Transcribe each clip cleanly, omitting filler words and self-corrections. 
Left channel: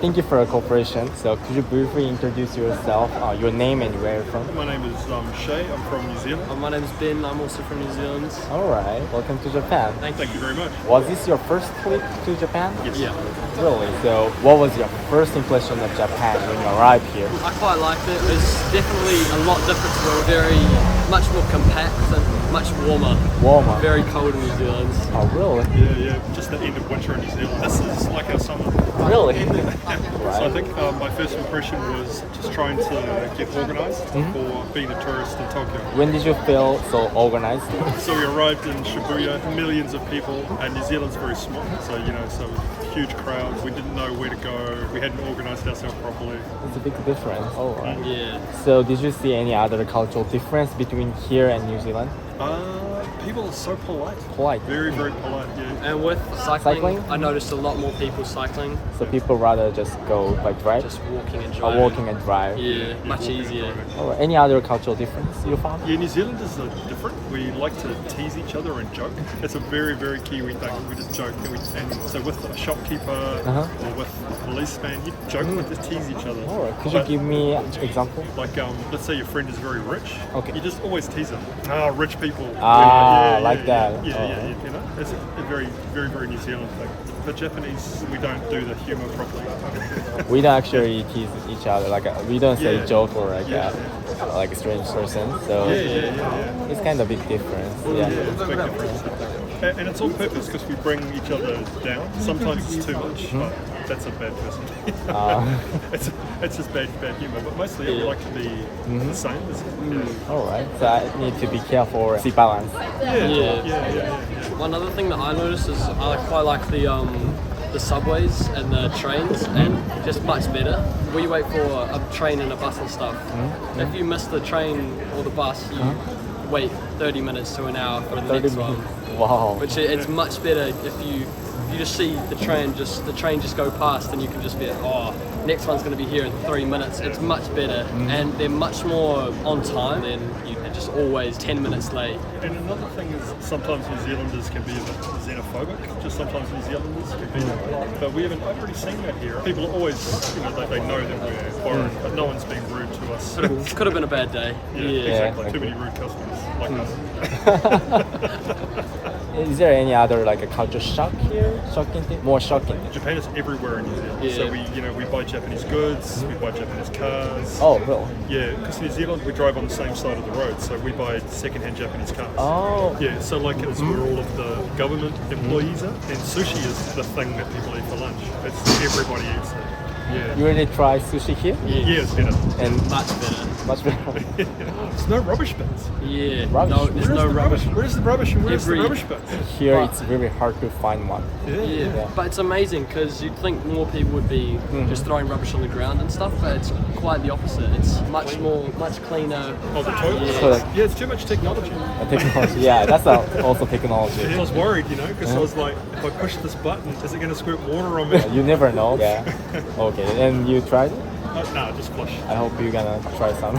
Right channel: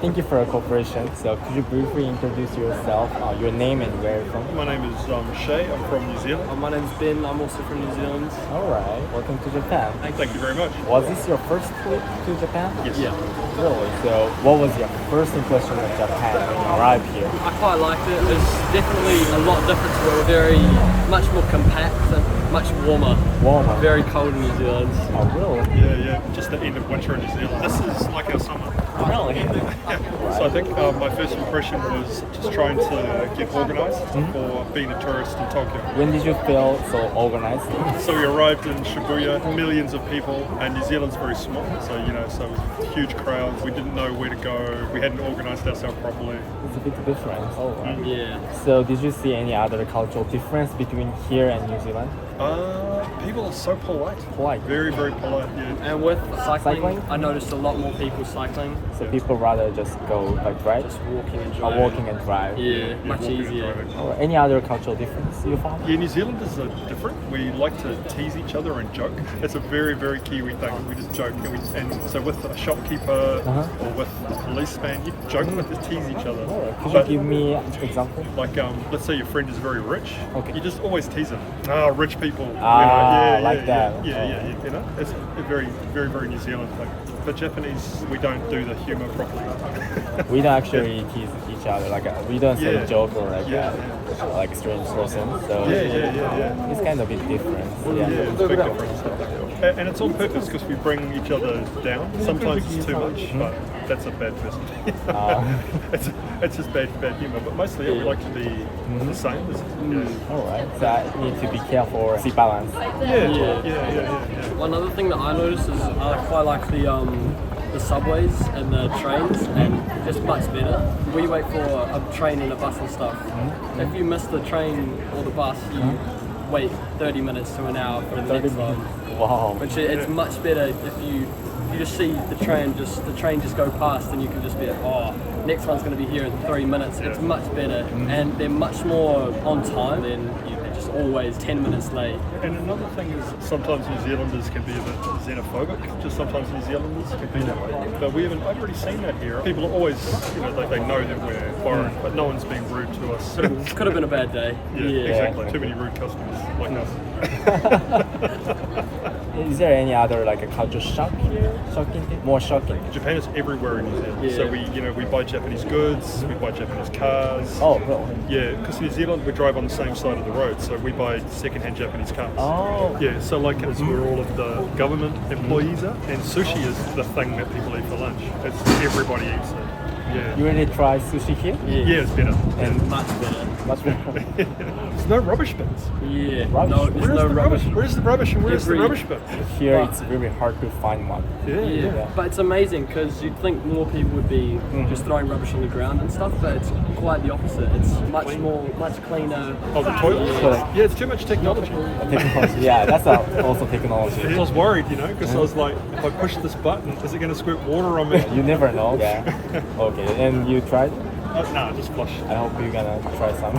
Thank you for your cooperation. So could you briefly introduce yourself, your name and where you're from? My name is Shay. I'm from New Zealand. My name's Ben. I'm also from New Zealand. All right. Welcome to Japan. Thank you very much. Was this your first trip to Japan? Yes. Yeah. Really? So what was your first impression of Japan when you arrived here? I quite liked it. It's definitely a lot different to it. Very much more compact and much warmer. Warmer. Very cold in New Zealand. Oh, really? Yeah. Just the end of winter in New Zealand. This is like our summer. Really? So I think my first impression was just trying to get organised for being a tourist in Tokyo. When did you feel so organized? So we arrived in Shibuya, millions of people, and New Zealand's very small. So so it was huge crowds. We didn't know where to go. We hadn't organised ourselves properly. It's a big difference. Oh, wow. Yeah. So did you see any other cultural difference between here and New Zealand? People are so polite. Polite. Very, very polite. Yeah. And with cycling, Cycling? I noticed a lot more people cycling. So people rather just go by drive? Just walking and Or driving. walking and drive? Yeah, much walking and easier. driving. Or any other cultural difference you found? Yeah, New Zealanders are different. We like to tease each other and joke. It's a very, very Kiwi thing. We just joke. And so with a shopkeeper or with a policeman, you joke with to tease each other. Alright, could But you give me an example? like, let's say your friend is very rich. Okay. You just always tease him. Ah, rich people. Like that. Yeah. You know, it's a very, very, very New Zealand thing. The Japanese, we don't do the humour properly. We don't actually tease each other, like we don't say Yeah. joke or like Yeah, like a strange person. So Yeah. it's kind of a big difference. Yeah, it's a big difference, I think. And it's on purpose because we bring each other down. Sometimes it's too much, but that's a bad person. It's just bad humour. But mostly, we like to be the same. All right. So I need to be careful or see balance. Yeah. One other thing that I noticed is I quite like the subways and the trains, and just much better. We wait for a train and a bus and stuff. If you miss the train or the bus, you wait 30 minutes to an hour for the next one. Wow. Which it's much better if you just see the train just go past, and you can just be like, oh, next one's going to be here in 3 minutes. It's much better, and they're much more on time than they're just always 10 minutes late. And another thing is sometimes New Zealanders can be a bit xenophobic. Just sometimes New Zealanders can be that way. But I've already seen that here. People are always, they know that we're foreign, but no one's being rude to us. Could have been a bad day. Yeah, exactly. Too many rude customers like us. Is there any other like a culture shock here? Shocking thing? More shocking thing? Japan is everywhere in New Zealand. Yeah. So we buy Japanese goods, we buy Japanese cars. Oh, really? Yeah, because New Zealand we drive on the same side of the road, so we buy second-hand Japanese cars. Oh. Yeah, so like it's where all of the government employees are, and sushi is the thing that people eat for lunch. Everybody eats it. Yeah. You really try sushi here? Yeah, it's better. And much better. Much better. There's no rubbish bins. Yeah. Rubbish. No, there's Where's no the rubbish. Where's the rubbish and where's the Every- rubbish bins? Here But- it's very hard to find one. Yeah, but it's amazing because you'd think more people would be just throwing rubbish on the ground and stuff, but it's quite the opposite. It's much cleaner. Oh, the toilets? Yeah. Yeah, it's too much technology. Technology. Yeah, that's also technology. I was worried, because I was like, if I push this button, is it going to squirt water on me? You never know. Yeah. Okay, and you tried? No, just flush. I hope you're gonna try some.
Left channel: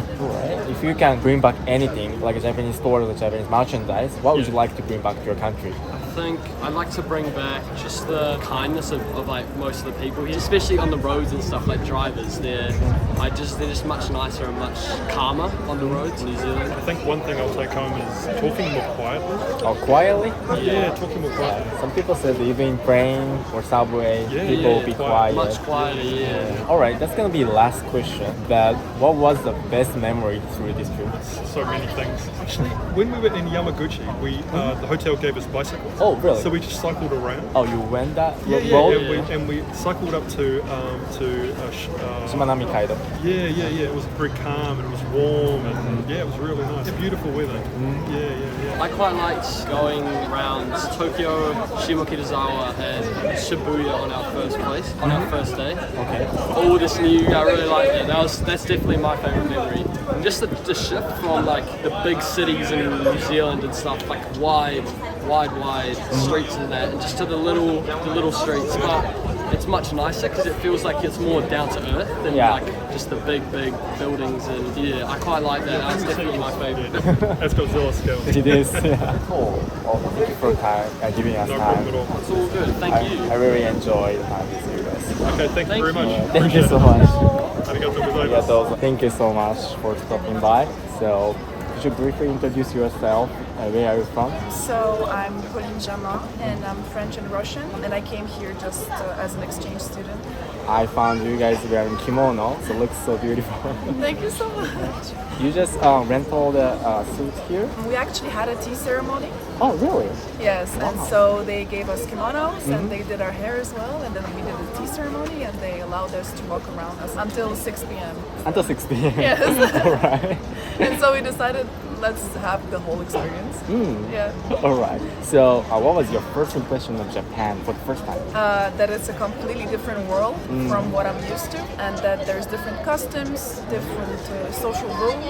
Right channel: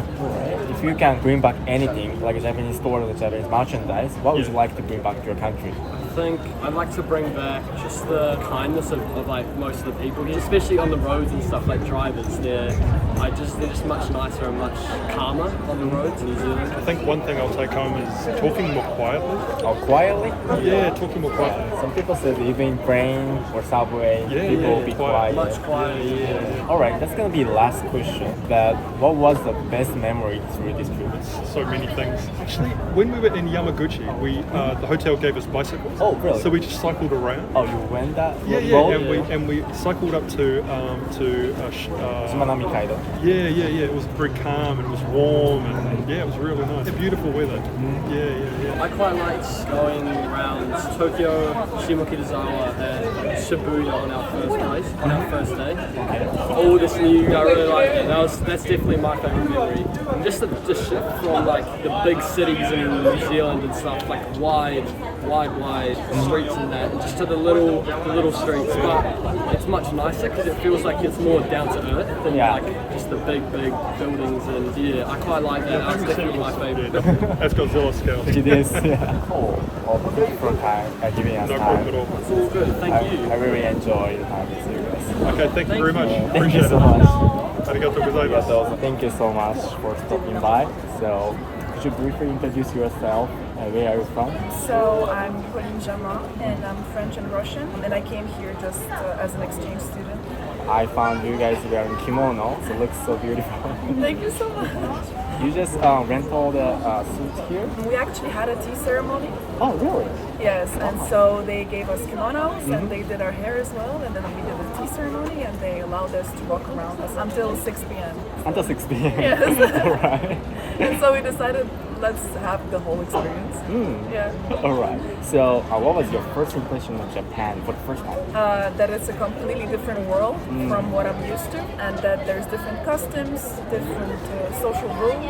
If you can bring back anything, like a Japanese store or Japanese merchandise, what would you like to bring back to your country? I think I'd like to bring back just the kindness of like most of the people here, especially on the roads and stuff, like drivers. They're just much nicer and much calmer on the roads in New Zealand. I think one thing I'll take home is talking more quietly. Oh, quietly? Yeah, talking more quietly. Some people said even train or subway, Yeah, people yeah, be quiet. quiet. Much quieter, yeah. Alright, that's gonna be the last question. That what was the best memory through this trip? So many things. Actually, when we were in Yamaguchi, the hotel gave us bicycles. Oh, really? So we just cycled around. Oh, you went that? Yeah, road? and we cycled up to Shimanami Kaido. Yeah. It was very calm and it was warm and it was really nice. Beautiful weather. Yeah. I quite liked going around Tokyo, Shimokitazawa, and Shibuya on our first day. Okay. All this new, I really liked it. That's definitely my favorite memory. Just the shift from like the big cities in New Zealand and stuff, like wide streets and that, and just to the little streets. But it's much nicer because it feels like it's more down to earth than like just the big buildings. And I quite like that. That's definitely my favorite. That's Godzilla scale. It is. Yeah. Thank you for your time, giving us No time. problem at all. It's all good. Thank you. I really enjoyed having you guys. Okay, thank you very much. Thank you Appreciate so it. much. Arigatou gozaimasu. Thank you so much for stopping by. So, could you briefly introduce yourself? Where are you from? So I'm Pauline Jamin, and I'm French and Russian, and I came here just as an exchange student. I found you guys wearing kimono, so it looks so beautiful. Thank you so much. You just rent all the suits here? We actually had a tea ceremony. Oh, really? Yes, and so they gave us kimonos, and they did our hair as well, and then we did a tea ceremony, and they allowed us to walk around us until 6 p.m. Until 6 p.m. Yes. Alright. And so we decided, let's have the whole experience. Yeah. Alright. So, what was your first impression of Japan for the first time? That it's a completely different world from what I'm used to, and that there's different customs, different social rules.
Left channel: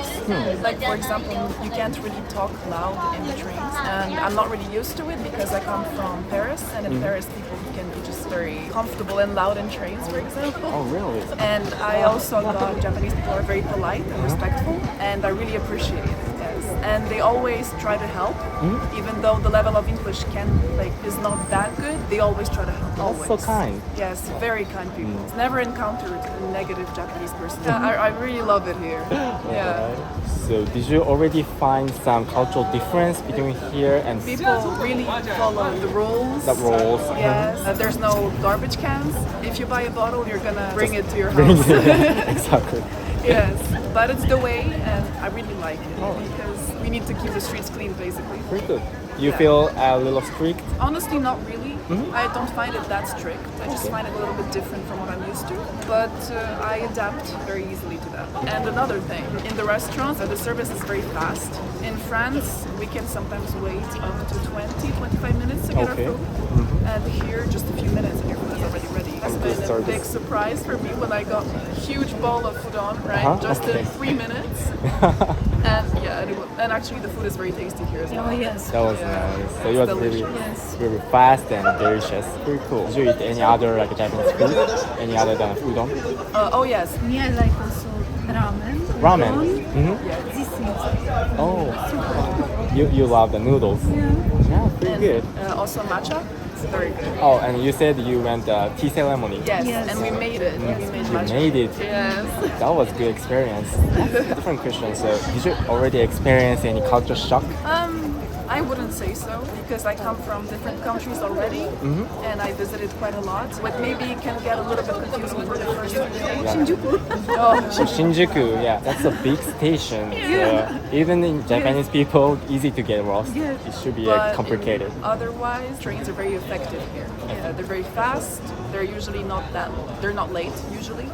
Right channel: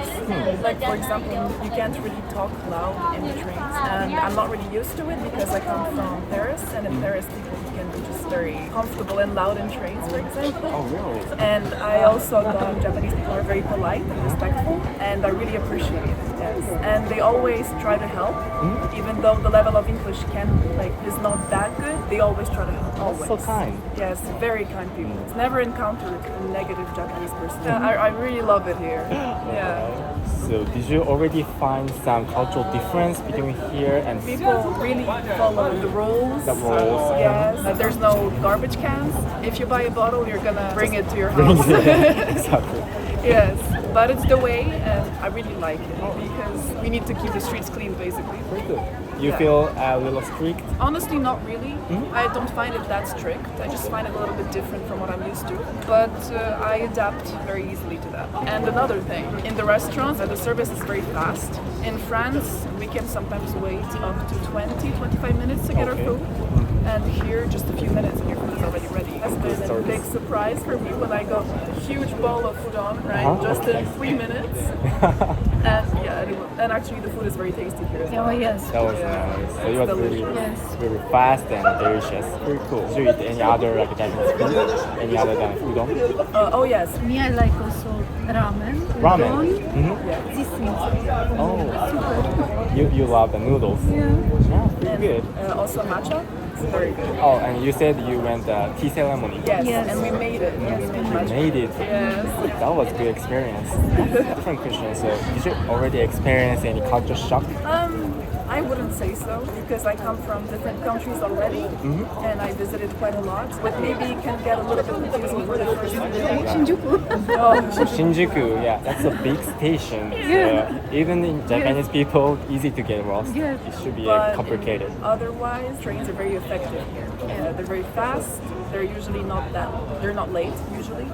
Like, for example, you can't really talk loud in the trains, and I'm not really used to it because I come from Paris, and in Paris people can be just very comfortable and loud in trains, for example. Oh, really? And I also got Japanese people are very polite and respectful, and I really appreciate it. Yes, and they always try to help, even though the level of English is not that good. They always try to help. Always. So kind. Yes, very kind people. Never encountered a negative Japanese person. I really love it here. Yeah. So, did you already find some cultural difference between here and People really follow the rules. The rules. Yes. There's no garbage cans. If you buy a bottle, you're gonna bring it to your house. Exactly. Yes, but it's the way, and I really like it because we need to keep the streets clean, basically. Very good. You Yeah. feel a little strict? Honestly, not really. I don't find it that strict. I just find it a little bit different from what I'm used to. But I adapt very easily to that. And another thing, in the restaurants, the service is very fast. In France, we can sometimes wait up to 20-25 minutes to get our Okay. food. And here, just a few minutes and your food is already ready. It's been a big surprise for me when I got a huge bowl of food on, right? Just in 3 minutes. And yeah, and actually the food is very tasty here as well. Oh yes. That was Yeah, nice. So it it's was delicious. really, Yes. really fast and delicious. Very cool. Did you eat any other Japanese food? Any other than udon? Oh yes, Me, I like also ramen. Ramen. Udon. yes. These things. Oh, Super. you love the noodles. Yeah. Yeah, pretty And good. also matcha. It's very good. Oh, and you said you went tea ceremony. Yes, Yes. and we made it. Yes, we made You matcha. made it. Yes. That was a good experience. Different question. So, did you already experience any culture shock? I wouldn't say so because I come from different countries already, and I visited quite a lot. What maybe can get a little bit confusing for the first few days. Shinjuku. Oh, Shinjuku, yeah, that's a big station. Yeah. So even in Japanese people, easy to get lost. Yes. It should be but complicated. otherwise, trains are very effective here. They're very fast. They're usually they're not late usually.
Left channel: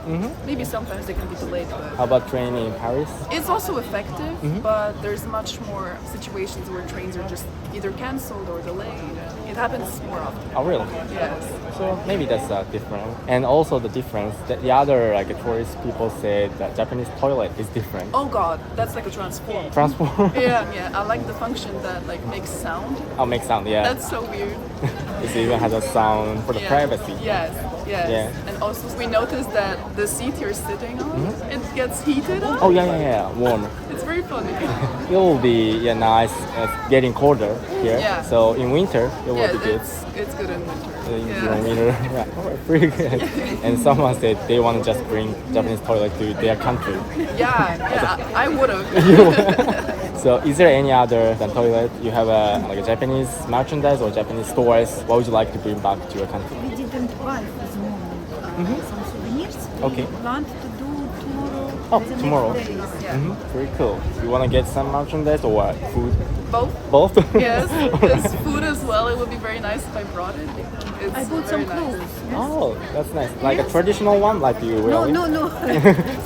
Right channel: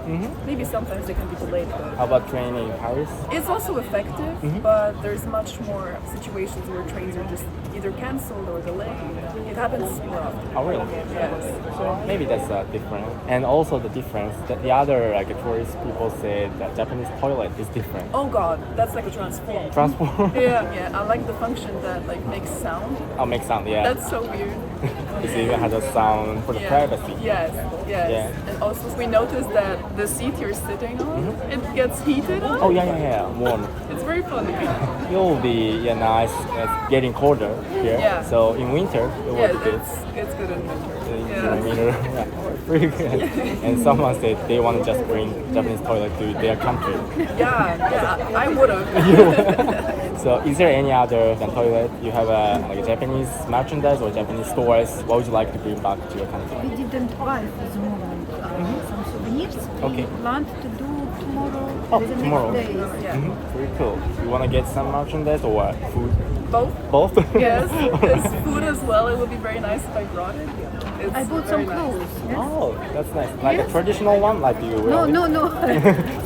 Maybe sometimes they can be delayed, but How about train in Paris? it's also effective. But there's much more situations where trains are just either cancelled or delayed. It happens more often. Oh, really? Yes. So maybe that's different. And also the difference that the other tourist people say that Japanese toilet is different. Oh God, that's like a transform. Transform. Yeah. I like the function that makes sound. Oh, make sound. Yeah. That's so weird. It even has a sound for the Yeah. privacy. Yes. Yeah. And also we noticed that the seat you're sitting on, it gets heated up. Oh yeah. Warm. It's very funny. It will be nice. Getting colder here. Yeah. So in winter, it Yeah, will be good. it's good in winter. Yeah. Pretty good. And someone said they want to just bring Japanese toilet to their country. Yeah, I would have. So is there any other than toilet? You have a Japanese merchandise or Japanese stores? What would you like to bring back to your country? We didn't buy for the moment some souvenirs. Okay. We plan to do tomorrow and the tomorrow. next days. Yeah. Very cool. You want to get some merchandise or what? Food? Both. Both? Yes, because food as well. It would be very nice if I brought it. It's I bought very some clothes. Yes. Oh, that's nice. Like a Yes. traditional one, like you wear No, it? no.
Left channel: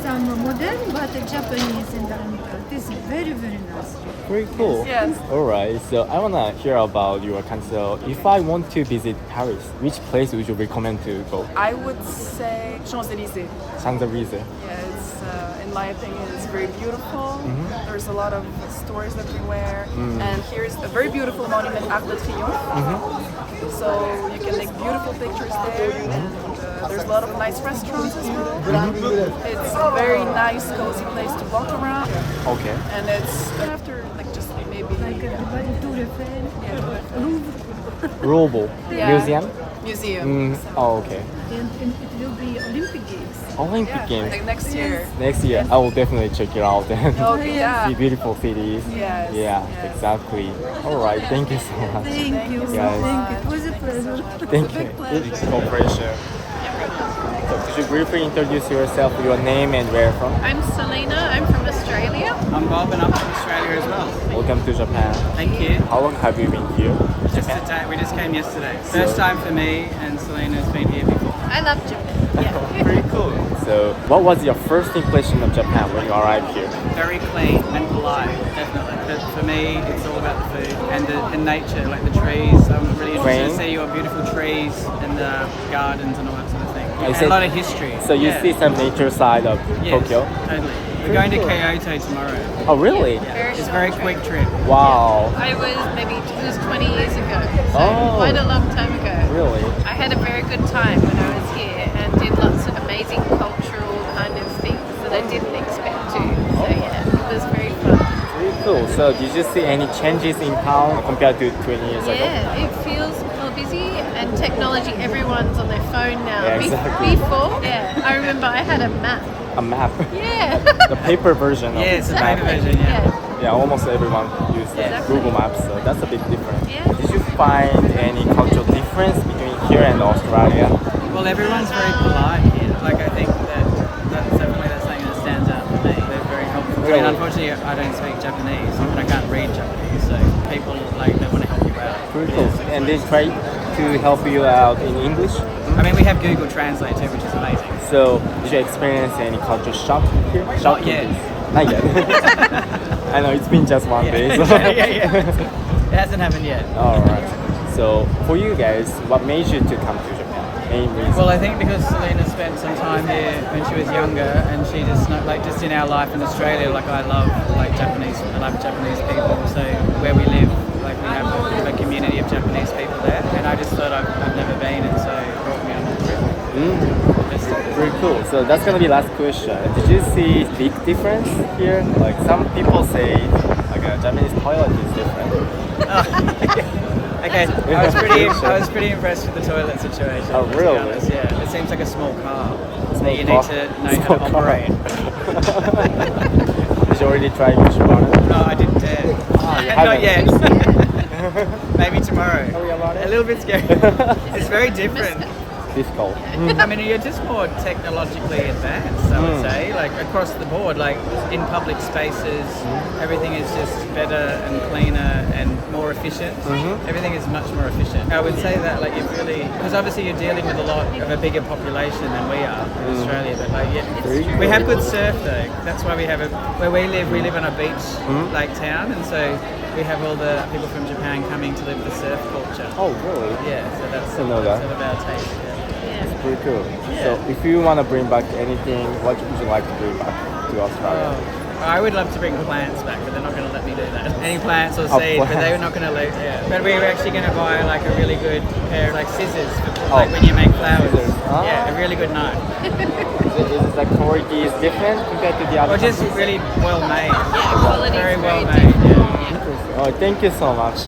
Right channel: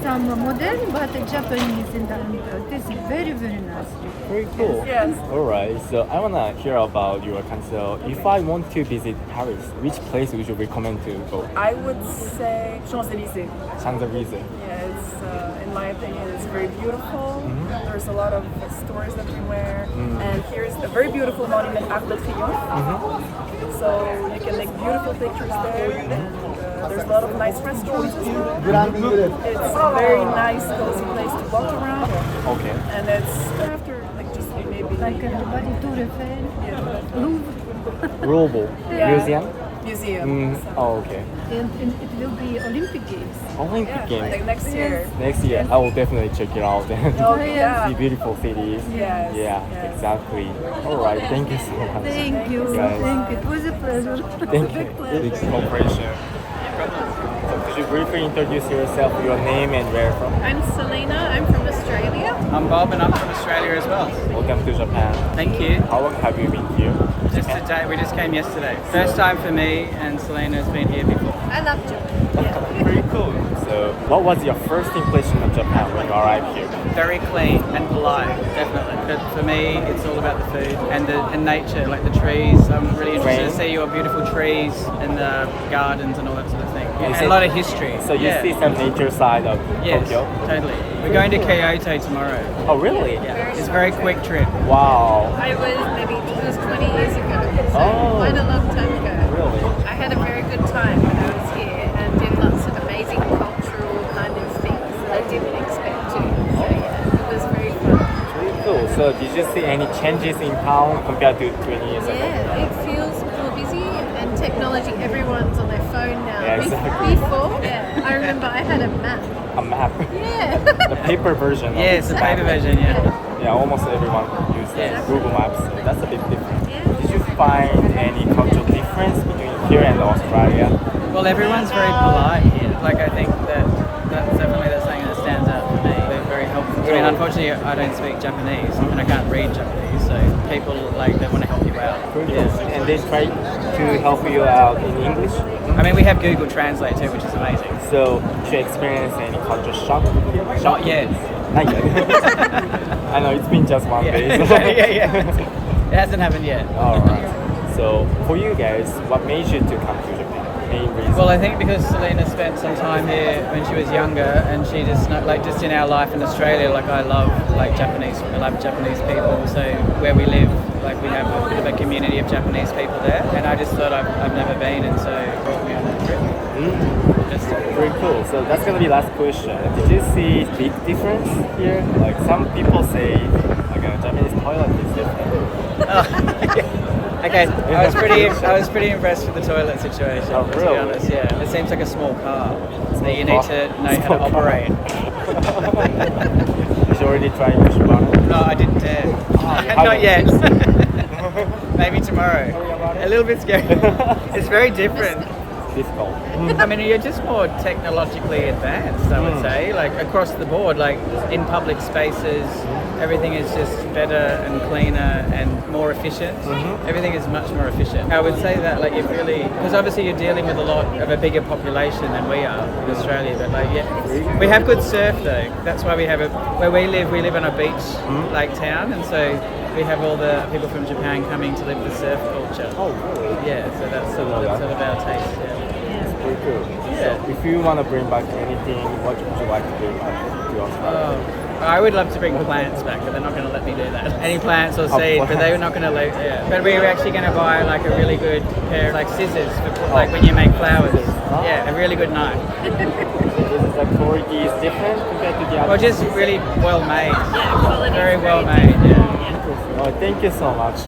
Some modern, but Japanese and it is very, very nice. Very cool. Yes. Alright, so I wanna hear about your country. So if I want to visit Paris, which place would you recommend to go? I would say Champs-Élysées. Champs-Élysées. Yeah, it's in my opinion, it's very beautiful. There's a lot of stores everywhere, and here's a very beautiful monument, Arc de Triomphe. So you can make beautiful pictures there, and there's a lot of nice restaurants as well. It's a very nice, cozy place to walk around, Okay. and it's after just maybe Like everybody, Tour Eiffel, yeah, Louvre. Louvre Yeah. Museum. museum. So. Oh, okay. And it will be Olympic Games. Olympic Yeah, Games. like next year. Next year, Yes. I will definitely check it out then. Oh, yeah. See beautiful cities. Yes. Yeah, yes. exactly. All right, thank you so much. Thank you. so Thank you. It much. was a pleasure. Thank big you. pleasure. Big cooperation. Could you briefly introduce yourself, your name and where from? I'm Selena, I'm from Australia. I'm Bob and I'm from Australia as well. Welcome to Japan. Thank you. How long have you been here? Just today, we just came yesterday. First time for me, and Selena's been here before. I love Japan. Very cool. So, what was your first impression of Japan when you arrived here? Very clean and polite, definitely. But for me, it's all about the food and the nature, like the trees. I'm really interested to see your beautiful trees and the gardens and all that sort of thing. Is And it- a lot of history. So you yeah. see some nature side of Yes, Tokyo? totally. We're going to Kyoto tomorrow. Oh, really? Yeah, it's a very quick trip. Wow. I was it was 20 years ago, so Oh. quite a long time ago. Really? I had a very good time when I was here and did lots of amazing cultural kind of things that I didn't expect to. So yeah, it was very fun. Very cool. So did you see any changes in town compared to 20 years ago? Yeah, it feels more busy and technology, everyone's on their phone now. Yeah, exactly. Before, I remember I had a map. A map. Yeah. The paper version. Yeah, it's a paper version, yeah. Yeah, almost everyone uses Yeah. Google Maps, so that's a bit different. Yeah. Did you find any cultural difference between here and Australia? Well, everyone's very polite here. Like, I think that's definitely something that stands out for me. They're very helpful. I mean, unfortunately, I don't speak Japanese and I can't read Japanese, so people, they want to help you out. Yeah. And they try to help you out in English. I mean, we have Google Translate too, which is amazing. So did you experience any culture shock? Not yet. Not yet. I know it's been just 1 Yeah, day. yeah. It hasn't happened yet. Alright. So for you guys, what made you to come to Japan? Main reason? Well, I think because Selena spent some time here when she was younger, and she just just in our life in Australia, I love Japanese people. So where we live, we have a bit of a community of Japanese people there, and I just thought I've never been, and so it brought me on that trip. Just Very cool. So that's gonna be last question. Did you see big difference here? Like some people say, a Japanese toilet is different. Okay, I was pretty impressed with the toilet situation. Oh, To really? be honest, yeah, it seems like a small car that you need to know how to operate. Did you already try before? No, I didn't dare. Not yet. Maybe tomorrow. A little bit scary. It's very different. Difficult. I mean, you're just more technologically advanced, I would say, across the board, in public spaces, everything is just better and cleaner and more efficient. Everything is much more efficient. I would say that, you've really, because obviously you're dealing with a bigger population than we are in Australia, but we have good surf though. That's why where we live on a beach, town, and so we have all the people from Japan coming to live the surf culture. Oh, really? Yeah, so that's sort of our taste, yeah. Pretty cool. Yeah. So if you want to bring back anything, what would you like to bring back to Australia? Oh, I would love to bring plants back, but they're not going to let me do that. Any plants or seed, but they're not going to let. Yeah. But we were actually going to buy a really good pair of scissors for when you make flowers. Oh. Yeah, a really good knife. Is the quality is different compared to the other? Well, just really well made. Yeah, quality. Very well made. Yeah. Oh, thank you so much.